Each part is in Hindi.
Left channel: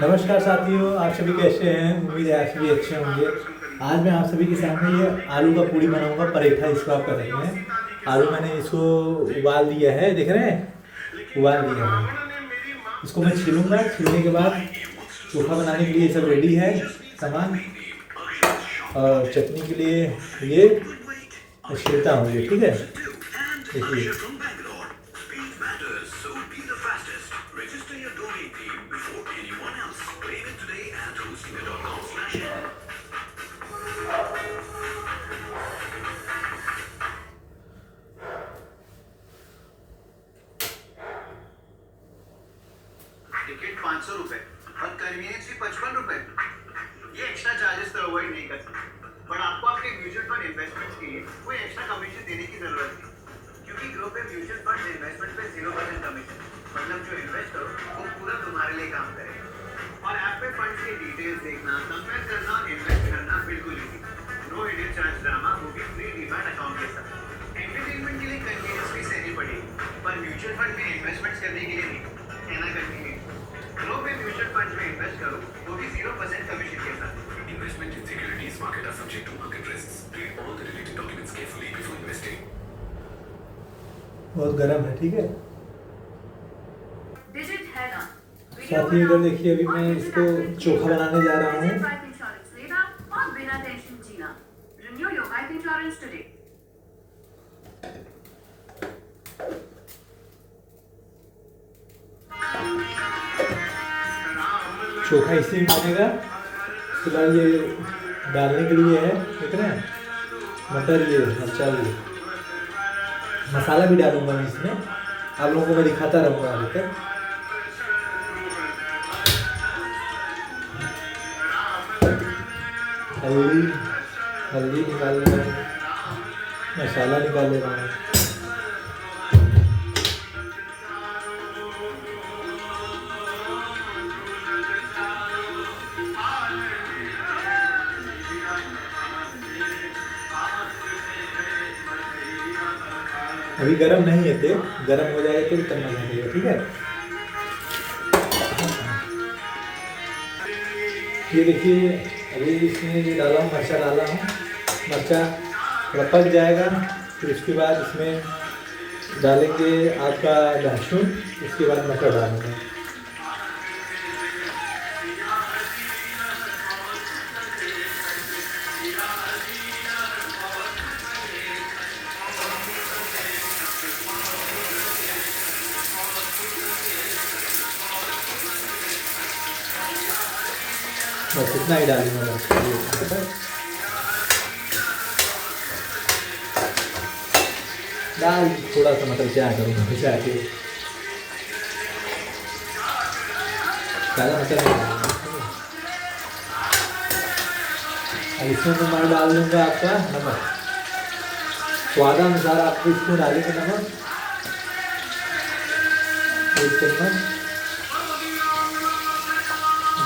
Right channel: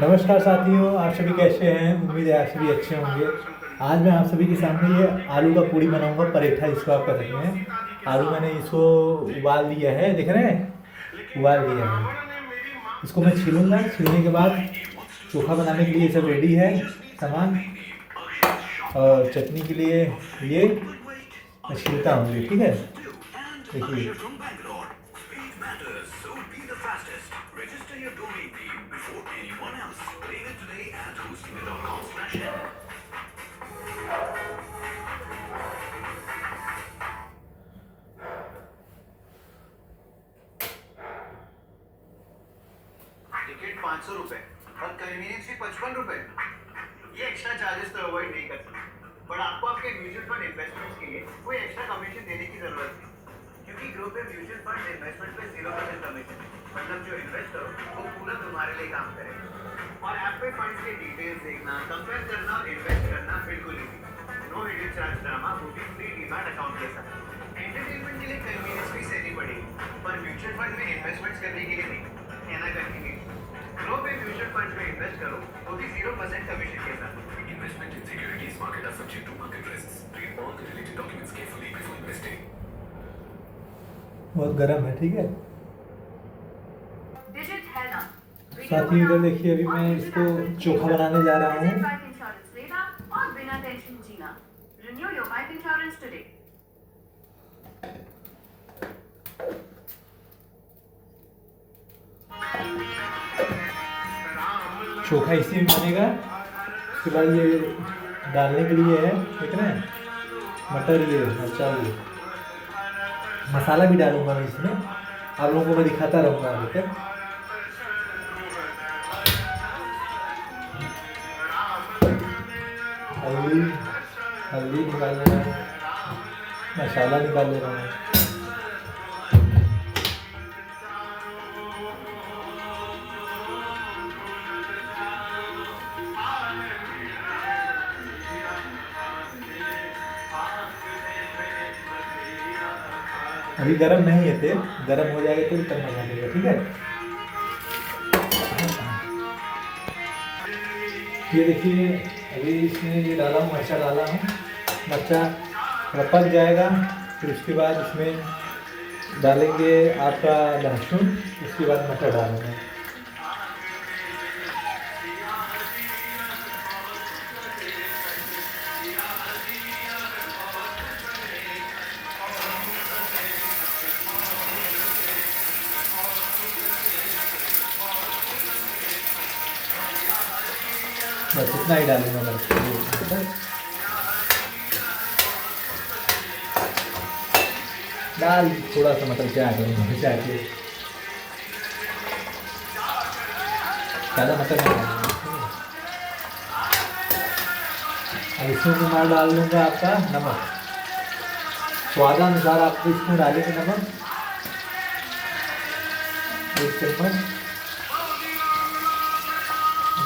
नमस्कार साथियों, आप सभी कैसे हैं। उम्मीद है आप सभी अच्छे होंगे। आज मैं आप सभी के सामने ये आलू का पूड़ी बनाऊंगा, पराठा इसको आप कह सकते हैं। आलू मैंने इसको उबाल लिया है, देख रहे हैं, उबाल लिया है। इसको मैं छीलूंगा, छीलने के बाद चोखा बनाने के लिए सब रेडी है सामान। और चटनी के लिए ये मैं छीलता हूँ, ये ठीक है। देखिए टिकट 500 रुपए और कन्वीनियंस फी 55 रुपए। ये एक्स्ट्रा चार्जेस तो अवॉइड नहीं कर सकते, पर आपको आपके म्यूचुअल फंड इन्वेस्टमेंट्स के लिए कोई एक्स्ट्रा कमीशन देने की जरूरत नहीं, क्योंकि ग्रो पे म्यूचुअल फंड इन्वेस्टमेंट पे 0% कमीशन, मतलब जो इन्वेस्ट करो वो पूरा तुम्हारे लिए काम करेगा। और ऐप पे फंड्स के डिटेल्स देखना, कंपेयर करना और इन्वेस्ट करना बिल्कुल easy. No hidden charge drama, वो भी फ्री डीमैट अकाउंट के साथ। एंटरटेनमेंट के लिए कन्वीनियंस फी देनी पड़ेगी, पर म्यूचुअल फंड में इन्वेस्टमेंट्स करने के लिए नहीं। है ना कन्वीनियंस। ग्रो पे म्यूचुअल फंड में इन्वेस्ट करो, वो भी 0% कमीशन के साथ। Investment in securities market are subject to market risks. Read all the related documents carefully before investing. बहुत गर्म है, ठीक है डिजिट है ना। साथियों। इधर देखिए, अभी मैं इसको चोखा बनाने जा रहा हूँ। बाइक इंश्योरेंस लेना और बिना टेंशन जीना। Renew your bike insurance today. चोखा इसी में बनेगा। फिलहाल ये डालने के लिए है, देख रहे हैं, मटर, ये मिर्चा, ये मसाला भी डालूंगा मैं इसमें। आप लोगों को मैं दिखाता रहूँगा आगे तक। हल्दी हल्दी निकाल ले रहा हूँ, मसाला निकाल ले रहा हूँ। अभी गरम नहीं है तेल, गरम हो जाएगा तो तब मजा देगा, ठीक है। ये देखिए, अभी इसमें ये डाला हूँ, मिर्चा डाला हूँ। मिर्चा थोड़ा पक जाएगा, फिर उसके बाद इसमें डालेंगे आपका लहसुन, उसके बाद मटर डालूंगा। बस इतना ही डालूंगा मैं। दाल थोड़ा सा मतलब क्या करूँगा, बचा के सारा मटर नहीं डालूंगा। अब इसमें मैं माल डाल दूँगा आपका नमक, स्वादानुसार आपको इसमें डालेंगे नमक, 1 चम्मच,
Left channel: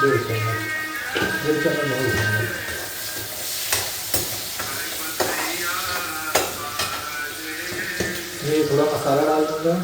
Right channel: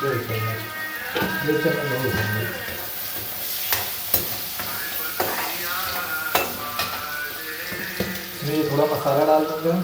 2 चम्मच, 2 चम्मच बहुत है। मैं थोड़ा मसाला डाल दूँगा।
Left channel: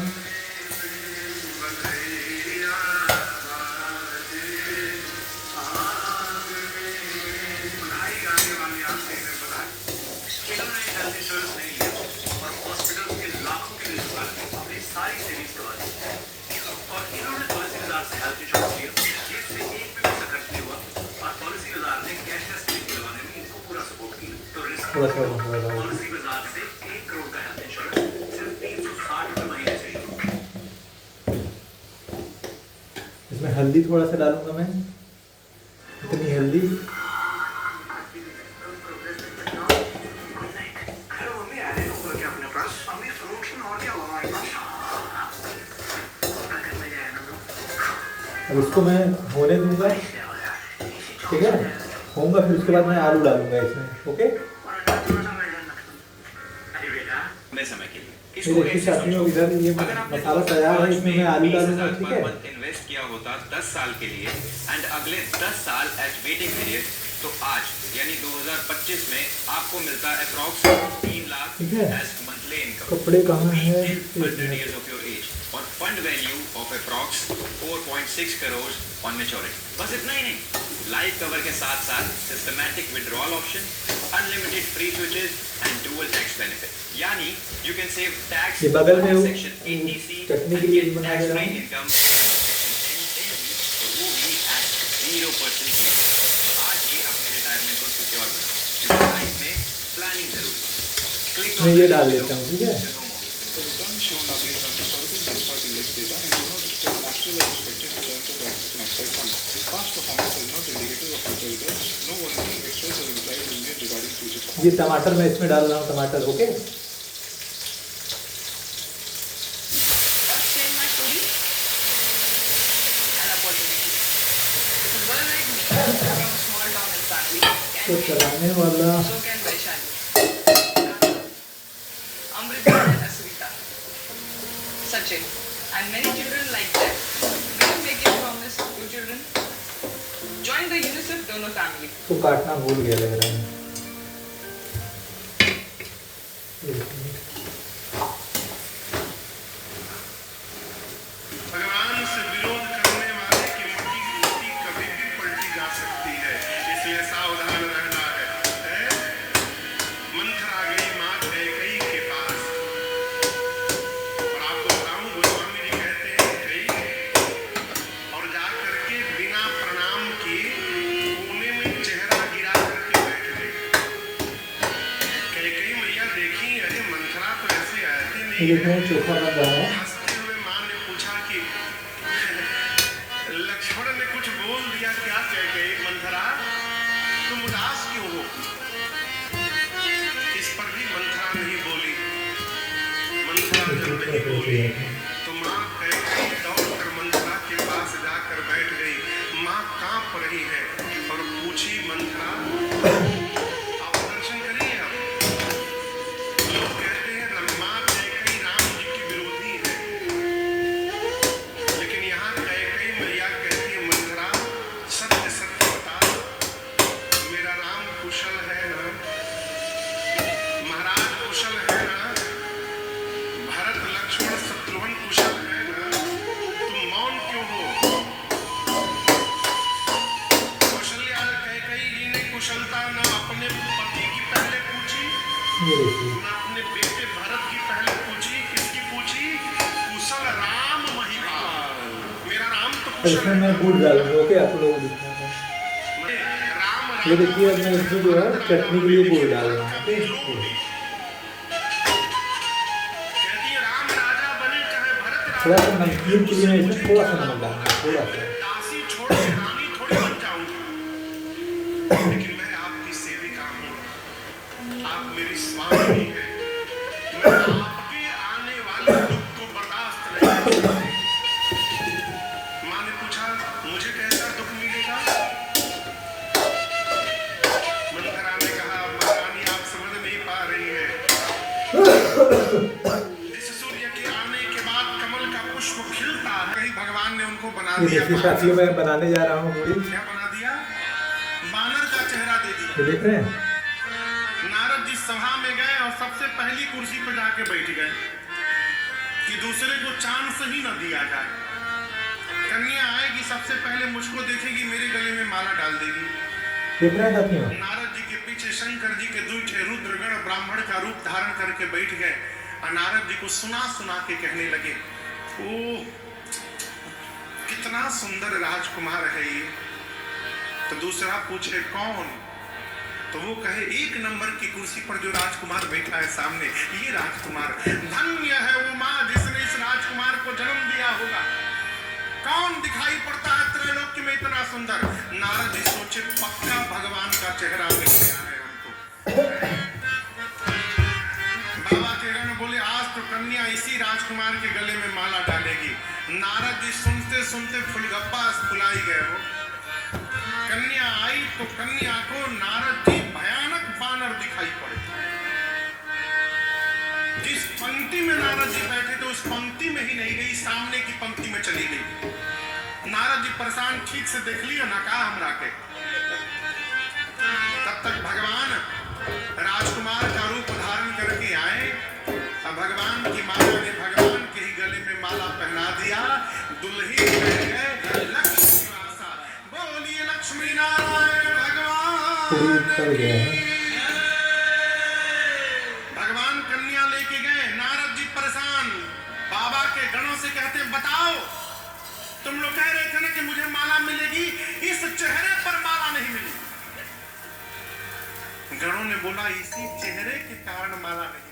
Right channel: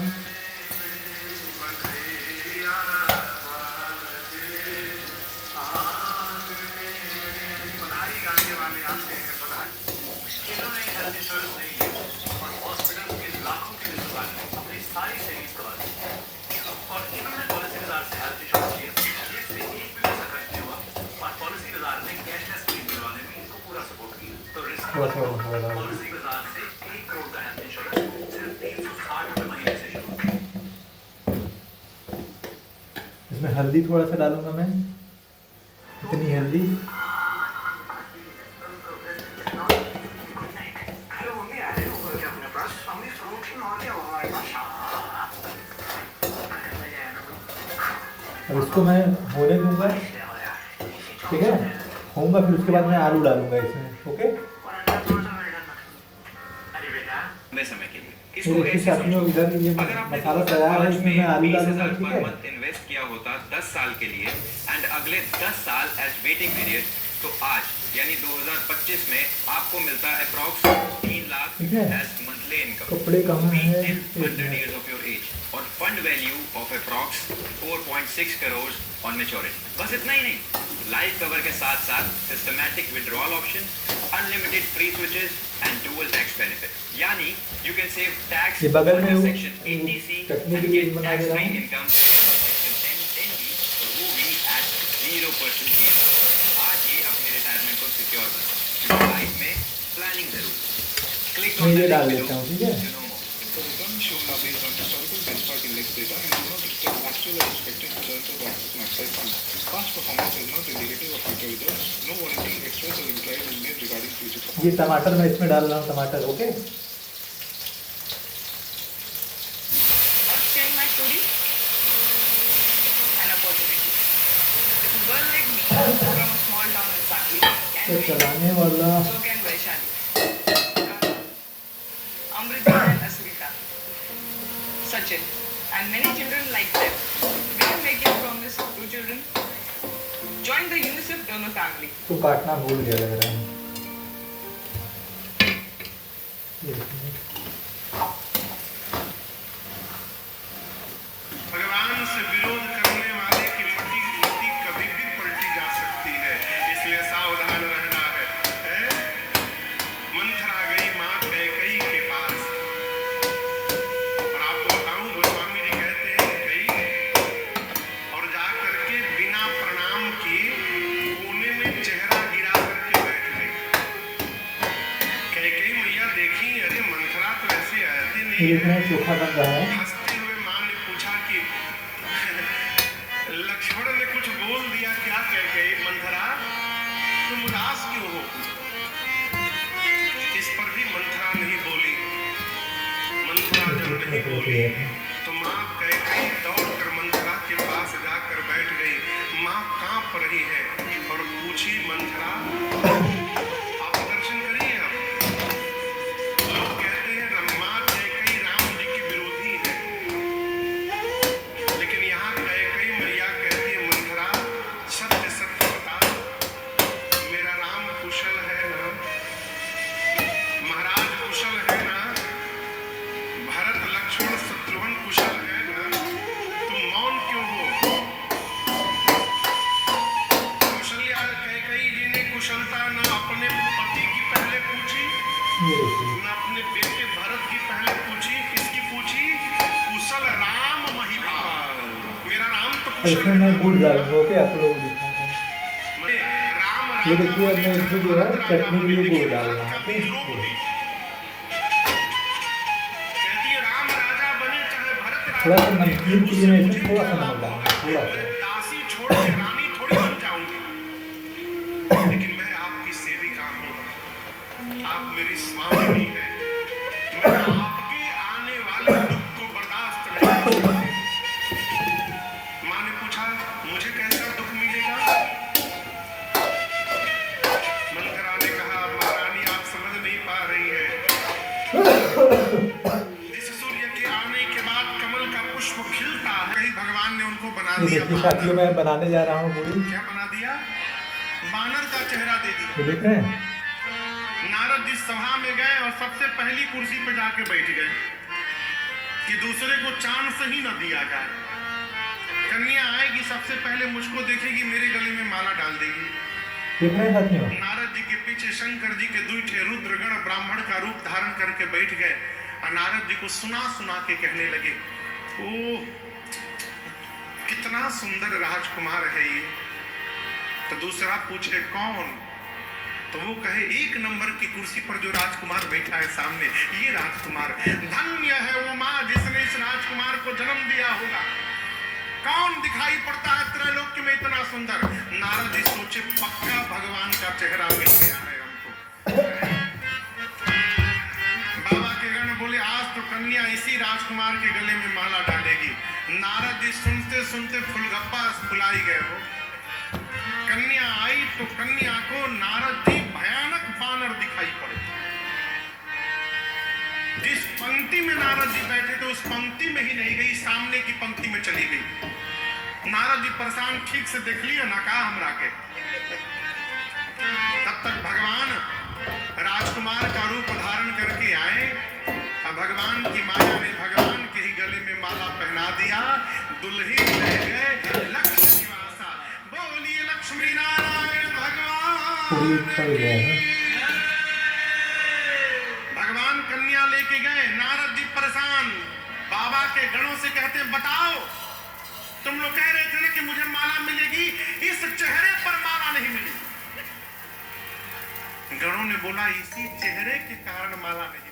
थोड़ा सा मसाला डाल दूँ। इसमें हल्दी थोड़ा सा डालूंगा मैं, इतनी हल्दी। अब इसको मैं होने दूंगा, ठीक है, होगा। फिर उसके बाद मैं आलू डालूंगा इसमें, ओके। समय के लिए ये देखिए साथियों, इधर ये मसाला तैयार है, इसमें मैं आलू डालूंगा, ठीक है। इन्वेस्ट किया होता 10 साल के लिए एंड अगले 10 साल एज वेटिंग पीरियड, तो आज यानी 2025 में आपको मिलता है अप्रॉक्स 3 लाख ठीक है। As monthly income. कपड़े कहाँ हैं? 100 years of your age। और fund value of approx 4.6 crore on maturity. बस इतना ही नहीं, लाइफ कवर के साथ साथ systematic withdrawal option, unlimited free switches and dual tax benefit, यानी यू कैन सेव टैक्स ये बगल में वो सेक्शन 80C चटनी के लिए बना दे रहा हूँ। इनकम सेक्शन 10NB, और वो भी एट 0% GST। आज ये अपने रिटायरमेंट को सिक्योर बनाओ, लाइफ में प्लानिंग जरूर। क्लिक मैं ये डाल देता हूँ, ठीक है। The returns shown are based on historical benchmark index data and do not reflect actual or expected returns of the maximum fund. Past performance is not indicative of future results. No warranty expressed or implied is made regarding future performance. ये टमाटर मैं इसमें डाल रहा हूँ, टमाटर। Okay, Upscale my story, an opportunity. If a girl like me from a small town and family तो can make चलाने वाला it, so can Vaishali, Amrita and Asrita, Sachin, and many children like them. We are making promise to children. Join the UNICEF donor family. तो काटना भूल गया लग रहा है। भगवान से विरोध करने वाले की मति कभी भी पलटी जा सकती है, इसलिए सावधान रहना है। मंथरा गई माँ कैकेयी के पास, और आपको बताऊं गोस्वामी जी कहते हैं कैकेयी और जा करके बिना प्रणाम किए कोने में चेहरा गिरा करके बैठ गई। कैकेयी मैया देखी, अरे मंथरा तो ऐसे आती नहीं ये है। इसमें चोखा बन रहा है। हंसते हुए माँ ने पूछा कि लक्ष्मण ने कुछ बोल दिया क्या? कह गई मंथरा तुम उदास क्यों हो? इस पर भी मंथरा नहीं बोली। मंथरा जब नहीं बोली तो माँ कह गई दौड़ कर मंथरा के पास जाकर बैठ गई। माँ कांप रही है और पूछी मंथरा आप दर्शन करिए। अब लोग कहते हैं माँ कैकेयी राम जी की विरोधी है, लेकिन यहाँ कैकेयी मैया कहती है मंथरा सत्य सत्य बता, मेरा राम कुशल है ना? महाराज कुशल है ना? भरत लक्ष्मण शत्रुघ्न कुशल है ना? तुम मौन क्यों हो? कौशल्या कैकेयी जी ने कुशलता न अपने पति की पहले पूछी, ये देखिए, मैं अपने बेटे भरत की पहले पूछी। किसकी पूछी? कुशल राम महिपाल। मेरा राम तो और कुशल इसमें है। मैं गुड़ डालूंगा। ओके, आप लोग दिखाते हैं। राम ये देखिए, अब मैं इसमें जो है चटनी के लिए गुड़ डाल रहा हूँ। ठीक है, कहती है राम राजा बने चाहे भरत थोड़ा राजा सा नमकीन के लिए मैं इसमें थोड़ा सा नमक डालूंगा, थोड़ा सा। दासी छोड़ के रानी थोड़ी बन जाऊंगी, लेकिन मैं आपकी सेविका हूँ, आप मेरी स्वामी हैं। मैं आपके आने वाले दुख को बर्दाश्त नहीं करूंगा। माँ ने पूछा मुझे कैसा दुख मिलेगा? मंथरा ने कहा महारानी आप समझ नहीं पा रही है। इस सूर्य के आने के बाद कमल का पुष्प खिलता है। कहीं भगवान ने उनको बना ये दिया देखिए साथियों, मैं बनाने जा रहा हूँ पूरी। क्या बना दिया? बानर का चेहरा दे दिया। ये देख रहे हैं? नारद जी सभा में गए और सबसे पहली कुर्सी पर जाके बैठ गए कि दूसरे को चांस ही न दिया जाए। कन्या आएगी सबसे पहले मुझको देखेगी, मेरे गले में माला डाल देगी। देख रहे हैं साथियों? नारद जी के पीछे शंकर जी के दूठे रुद्रगण ब्राह्मण का रूप धारण करके बैठ गए और नारद जी को सुना सुना के कहने लगे, ओह कितना सुंदर राजकुमार है ये। तो दूसरा पूछे कौन? तो वो कहे एक नंबर की कुर्सी पर जो राजकुमार बैठा है सामने, ये राजकुमार। धन्य है वो माँ जिसने इस राजकुमार को जन्म दिया होगा। कौन दिखाई पड़ता है त्रैलोक्य में इतना सुंदर? नारद जी सोचे पक्का भगवान का चेहरा मिल गया है हमको। बाबा के गण बोले आज तो कन्या इसी राजकुमार के गले में माला डालेगी। नारद जी सुनते सुनते फुलगप्पा फुलाई गए हो। कन्या आई तो कन्या को नारद जी भयानक बानर दिखाई पड़े। जिस पंक्ति में नारद जी बैठे थे उस पंक्ति में ही नहीं गई, सामने की पंक्ति में चली गई। नारद जी परेशान, ठीक से देख लियो ना का हमरा के। तब तक भगवान राजकुमार का रूप धारण करके आए और भगवान की माया ने भगवान के ही गले में माला पहना दिया, दुल्ही रह गए लक्ष्मी निवासा। बोलिए लक्ष्मी नारायण पूरी भगवान चल गया है। भगवान कन्या लेके गए, नारद जी परेशान, बाबा के गणों से कहते बताओ, तुम लोग कह रहे थे ना कि मुझे माला मिलेगी, इस चेहरे पर माला नहीं मिली। गणों ने बोला इसी चेहरे के कारण माला नहीं मिली।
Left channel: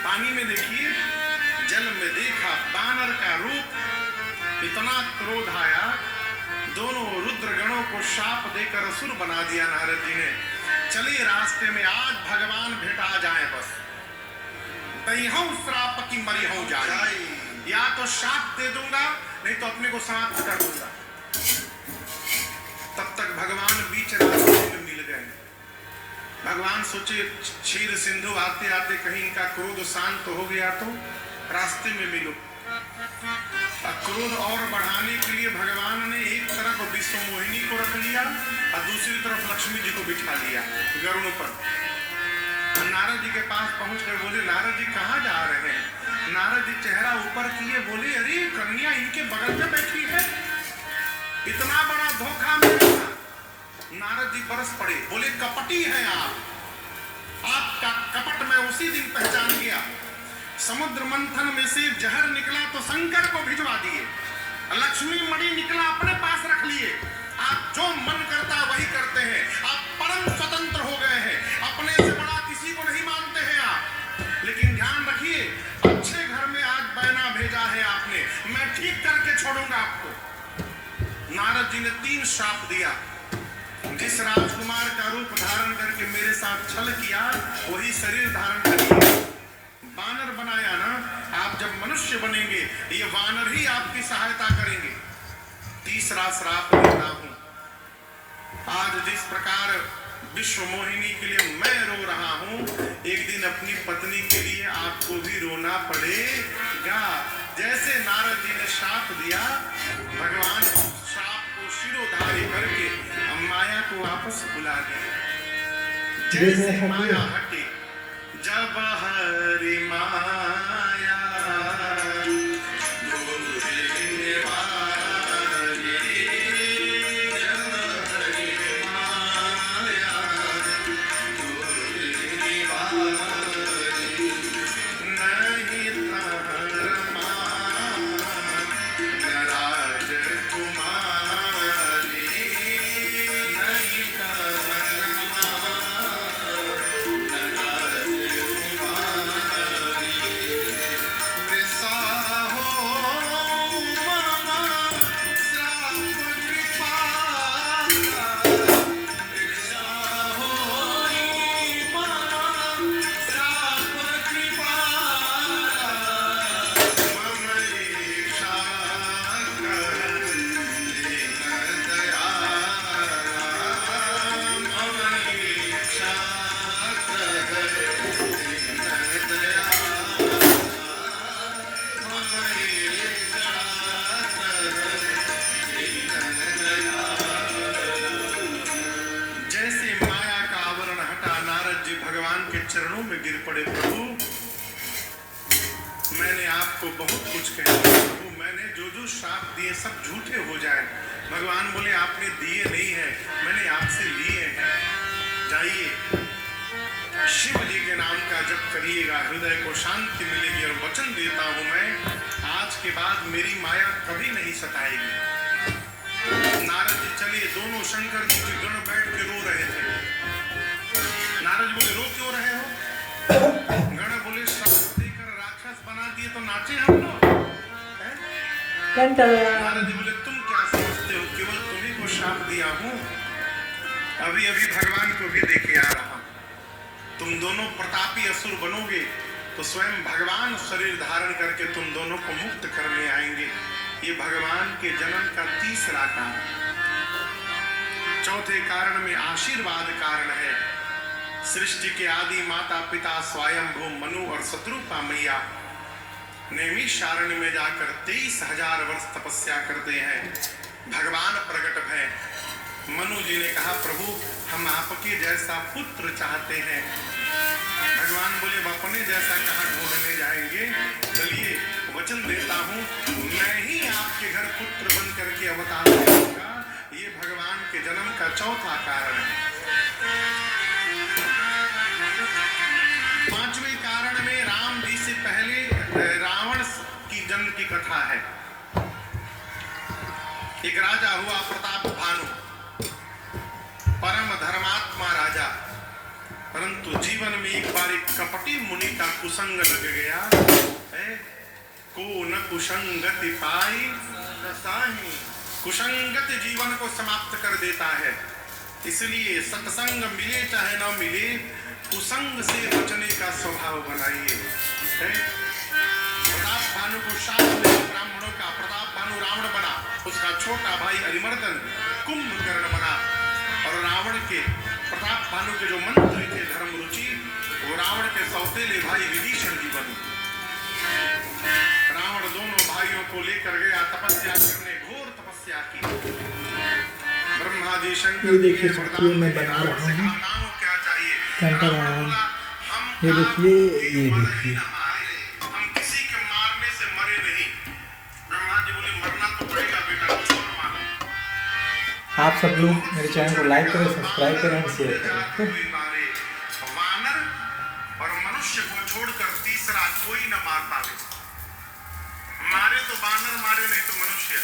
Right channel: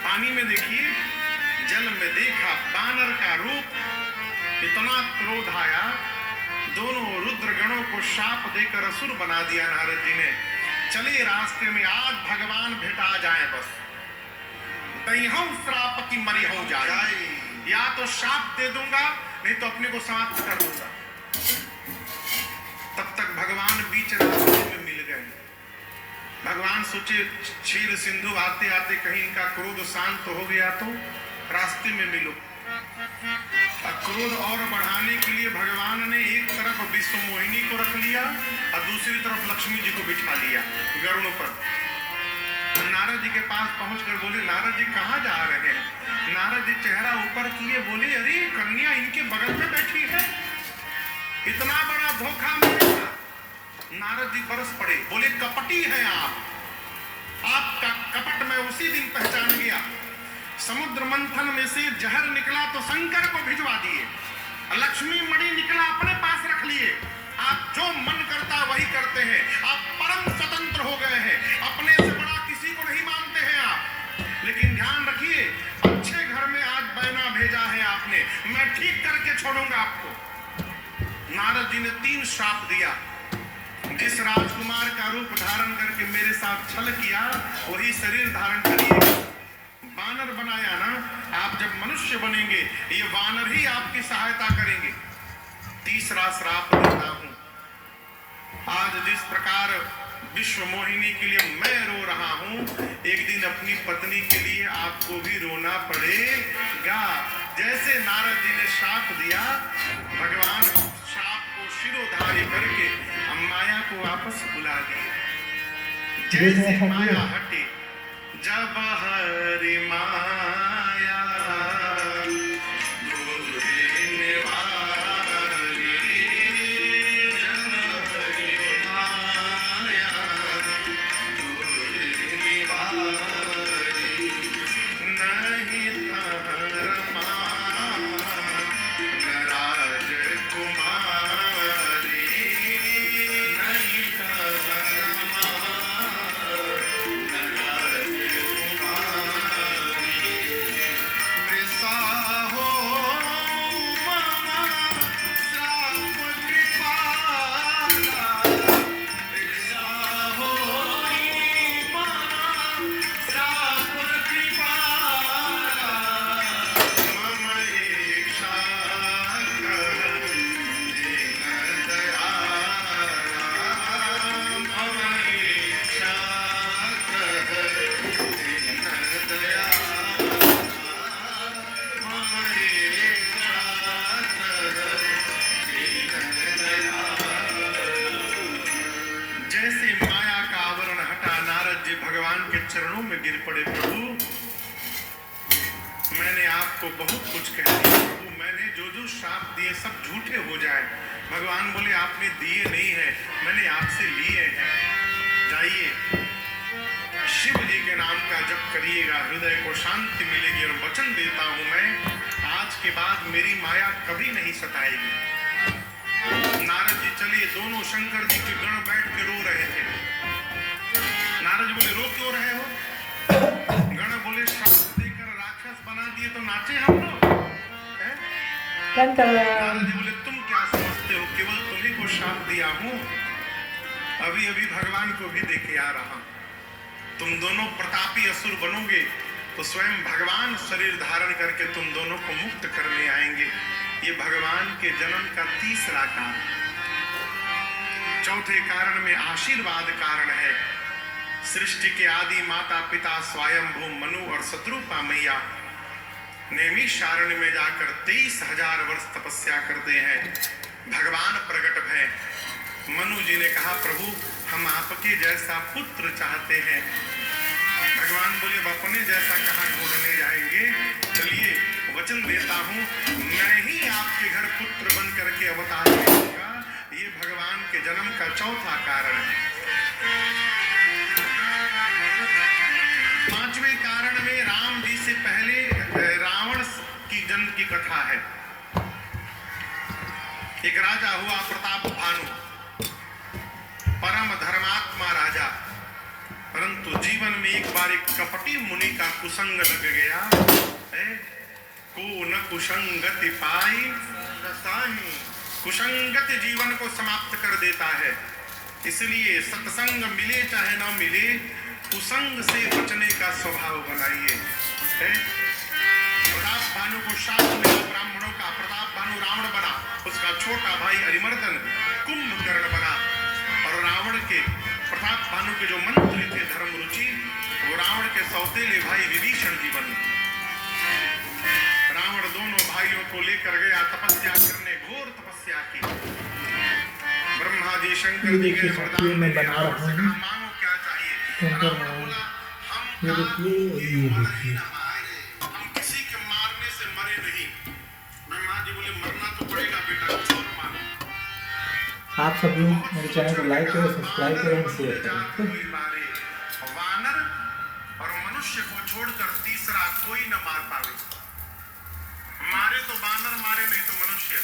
पानी में देखिए, जल में देखा बानर का रूप, इतना क्रोध आया, दोनों रुद्र गणों को शाप देकर असुर बना दिया नारद जी ने। चलिए रास्ते में आज भगवान भेटा जाए, बस दईहूं श्राप की मरिहूं जाए, या तो शाप दे दूंगा नहीं तो अपने को समाप्त कर दूंगा। तब तक भगवान बीच रास्ते में मिल गए। भगवान सोचे क्षीर सिंधु आते आते कहीं इनका क्रोध शांत हो गया तो रास्ते में मिलो। क्रोध और बढ़ाने के लिए भगवान ने एक तरफ विश्व मोहिनी को रख लिया और दूसरी तरफ लक्ष्मी जी को बिठा लिया गरुड़ पर। नारद जी के पास पहुंचकर बोले नारद जी कहाँ जा रहे हैं? नारद जी चेहरा ऊपर किए बोले अरे कन्या इनके बगल में बैठी है, इतना बड़ा धोखा मेरा। नारद जी बरस पड़े, बोले कपटी हैं आप, आपका कपट मैं उसी दिन पहचान गया। समुद्र मंथन में से जहर निकला तो शंकर को भिजवा दिए, लक्ष्मी मणि निकला अपने पास रख लिए। आप जो मन करता वही करते हैं, आप परम स्वतंत्र हो गए हैं, अपने से बड़ा किसी को नहीं मानते हैं आप। लेकिन ध्यान रखिए, अच्छे घर में आज बैना भेजा है आपने, मैं ठीक करके छोड़ूंगा आपको। नारद जी ने 3 श्राप दिया, जिस राजकुमार का रूप धारण करके मेरे साथ छल किया वही शरीर धारण करिए। वानर बनाया ना, आप जब मनुष्य बनेंगे ये वानर ही आपकी सहायता करेंगे। तीसरा श्राप देता हूं, आज जिस प्रकार विश्व मोहिनी के लिए मैं रो रहा हूं, एक दिन अपनी पत्नी के लिए आपको भी रोना पड़ेगा। जैसे नारद जी ने श्राप दिया, भगवान श्राप को शिरोधार्य करके माया को वापस बुला दिया। जैसे माया हटी, जब हरि माया चरणों में गिर पड़े। प्रभु मैंने आपको बहुत कुछ कहा, प्रभु मैंने जो श्राप दिए सब झूठे हो जाए। भगवान बोले आपने दिए नहीं है, मैंने आपसे लिए हैं। जाइए शिव जी के नाम का जप करिएगा, हृदय को शांति मिलेगी। और वचन देता हूं मैं, आज के बाद मेरी माया कभी नहीं सताएगी। नारद जी चलिए, दोनों शंकर जी के गण बैठ के रो रहे थे। नारद जी बोले रो क्यों रहे हो? गण बोले श्राप देकर राक्षस बना दिए तो नाचे हम लोग। नारद जी बोले तुम क्या समझते हो, केवल तुम्ही को श्राप दिया हूं, अभी अभी भगवान को भी देखे आ रहा। तुम दोनों प्रतापी असुर बनोगे तो स्वयं भगवान शरीर धारण करके तुम दोनों को मुक्त करने आएंगे। ये भगवान के जन्म का तीसरा कारण। चौथे कारण में आशीर्वाद कारण है। सृष्टि के आदि माता पिता स्वयंभू मनु और शत्रुपा मैया नैमिषारण्य में जाकर 23,000 वर्ष तपस्या करते हैं। भगवान प्रकट है। मनु जी ने कहा प्रभु हम आपके जैसा पुत्र चाहते हैं। भगवान बोले अपने जैसा कहाँ ढूंढने जाएंगे, चलिए वचन देता हूँ, मैं ही आपके घर पुत्र बन करके अवतार लेगा। ये भगवान के जन्म का चौथा कारण है। पांचवें कारण में राम जी से पहले रावण की जन्म की कथा है। एक राजा हुआ प्रताप भानु, परम धर्मात्मा राजा, परंतु जीवन में एक बार एक कपटी मुनि का कुसंग लग गया है। को न कुसंगति पाई साही, कुसंगत जीवन को समाप्त कर देता है। इसलिए सत्संग मिले चाहे न मिले, कुसंग से बचने का स्वभाव बनाइए। प्रताप भानु को शाप मिला ब्राह्मणों का। प्रताप भानु रावण बना, उसका छोटा भाई अरिमर्दन कुंभकर्ण बना, और रावण के प्रताप भानु के जो मंत्री थे धर्म रुचि, वो रावण के सौतेले भाई विभीषण जी बने। रावण दोनों भाइयों को लेकर गया तपस्या करने, घोर तपस्या की। ब्रह्मा जी शंकर जी के वरदान मैं बना रहा हूँ। मांगो क्या चाहिए? रावण बोला, हम ये देखिए, ये देखिए, हम किसी के मारने से मरे नहीं। ब्रह्मा जी बोले, मरना तो पड़ेगा बेटा, कुछ और मांगो। आप सब लोग मेरे चैनल को लाइक करें, सब्सक्राइब करें और शेयर करें। कोई मारे, वानर और मनुष्य को छोड़कर तीसरा कोई न मार पावे। मारे तो बानर, मारे नहीं तो मनुष्य।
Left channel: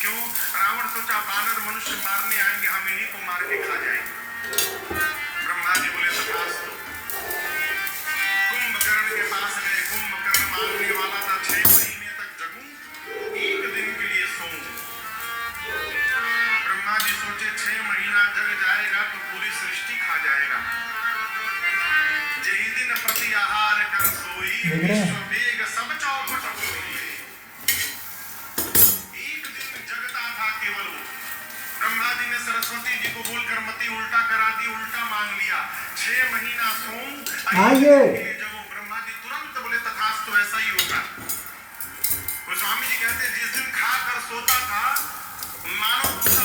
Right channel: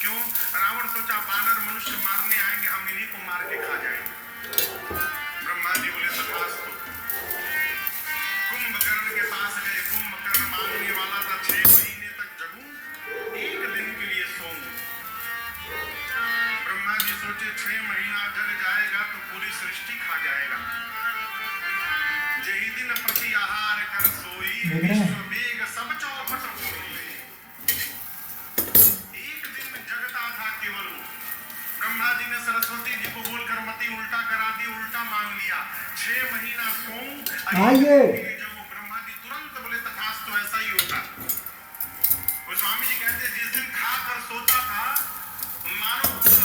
क्यों? रावण सोचा बानर मनुष्य मारने आएंगे, हम इन्हीं को मार के खा जाएंगे। ब्रह्मा जी बोले तथास्तु। कुंभकर्ण के पास गए। कुंभकर्ण मांगने वाला था 6 महीने तक जगूं, 1 दिन के लिए सोऊं। ब्रह्मा जी सोचे 6 महीना जग जाएगा तो पूरी सृष्टि खा जाएगा। जही दिन प्रति आहार कर सोई, विश्व वेग सब चौपट होई। एक दिन जगता था केवल वो। ब्रह्मा जी ने सरस्वती जी को बोलकर मति उल्टा करा दी, उल्टा मांग लिया। 6 महीना सोऊं, जब ब्रह्मा जी तुरंत बोले तथास्तु, ऐसा ही होगा। वो स्वामी जी कहते जिस दिन खा कर सोता था, मानो पूरा